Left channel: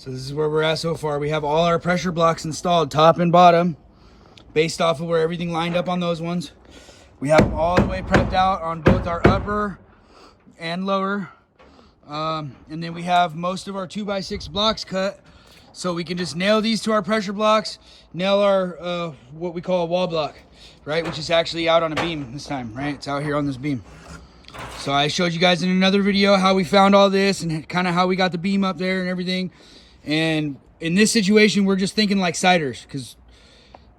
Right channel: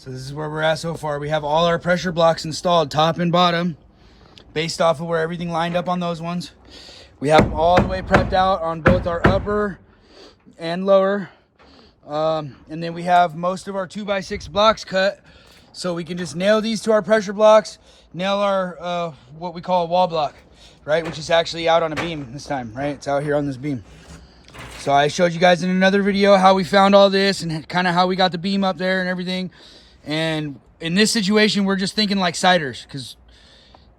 So this is where we're at so far. We have all our pressure blocks installed, top and bottom, based off of where everything lined up on those ones. We have them all the way prepped out on both our upper and lower. And then we have most of our 2x6 blocks cut, so we can just nail these to our pressure blocks, nail our what we call a wall block, right? Which is actually out on a beam this time, right? It's out here on this beam. So I showed you guys in another video how we found all this and kind of how we got the beam up there and everything. And in this situation, we're just thinking like siders, because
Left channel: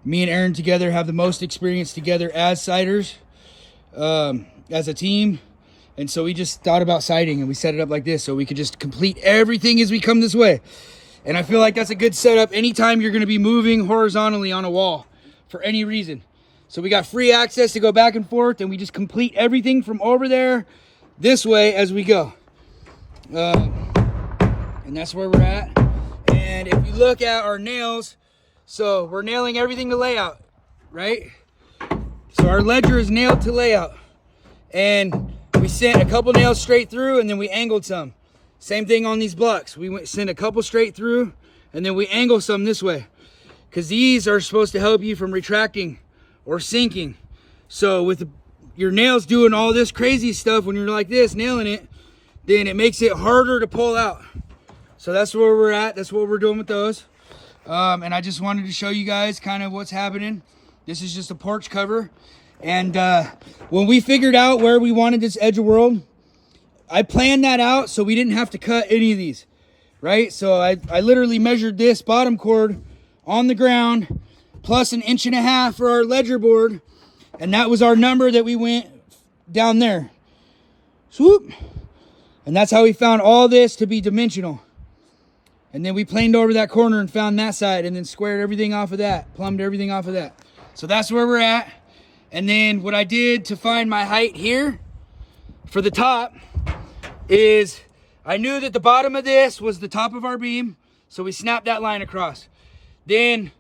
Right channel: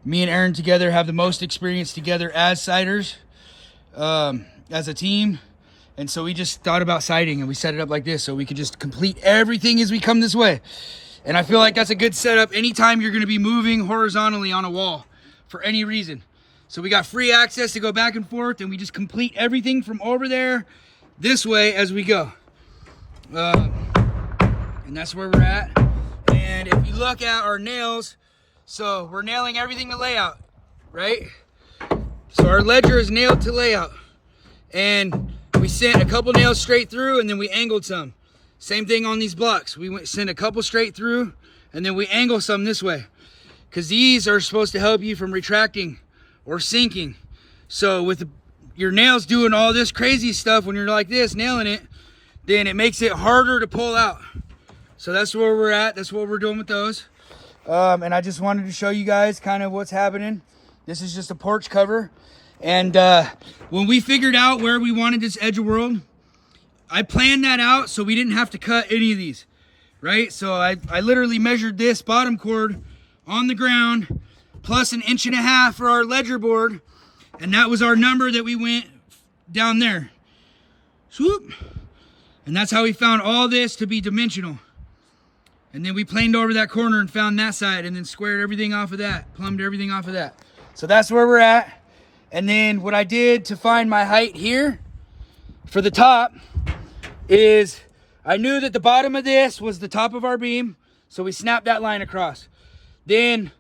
me and Aaron together have the most experience together as siders, as a team. And so we just thought about siding and we set it up like this so we could just complete everything as we come this way. And I feel like that's a good setup anytime you're going to be moving horizontally on a wall for any reason. So we got free access to go back and forth, and we just complete everything from over there this way as we go. And that's where we're at. And if you look at our nails, so we're nailing everything to layout, right? So our ledger is nailed to layout. And we sent a couple nails straight through, and then we angled some. Same thing on these blocks. We sent a couple straight through, and then we angle some this way, because these are supposed to help you from retracting or sinking. So with your nails doing all this crazy stuff when you're like this, nailing it, then it makes it harder to pull out. So that's where we're at. That's what we're doing with those. And I just wanted to show you guys kind of what's happening. This is just a porch cover. And when we figured out where we wanted this edge of world, I planned that out so we didn't have to cut any of these, right? So I literally measured this bottom cord on the ground plus 1.5 inches for our ledger board. And that was our number that we went down there. Swoop. And that's how we found all this to be dimensional. And then we planed over that corner and found that side, and then squared everything off of that, plumbed everything off of that. So that's where we're at. And then what I did to find my height here for the top is I knew that the bottom of this was the top of our beam, so we snapped that line across. Then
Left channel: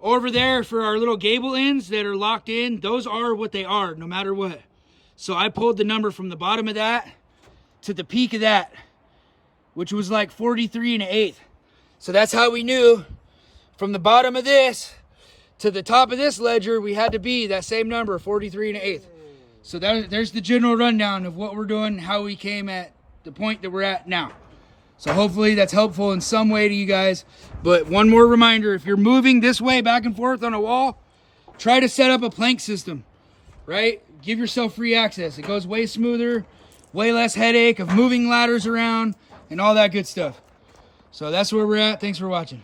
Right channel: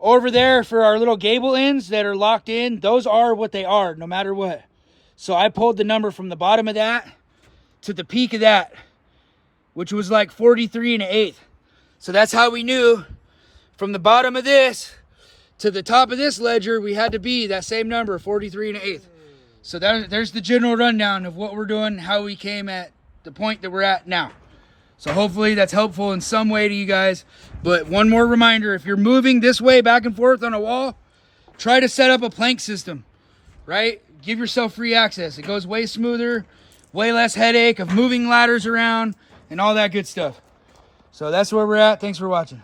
over there for our little gable ends that are locked in, those are what they are no matter what. So I pulled the number from the bottom of that to the peak of that, which was like 43 1/8. So that's how we knew from the bottom of this to the top of this ledger, we had to be that same number, 43 1/8. So there's the general rundown of what we're doing, how we came at the point that we're at now. So hopefully that's helpful in some way to you guys. But one more reminder, if you're moving this way back and forth on a wall, try to set up a plank system, right? Give yourself free access. It goes way smoother, way less headache of moving ladders around and all that good stuff. So that's where we're at. Thanks for watching.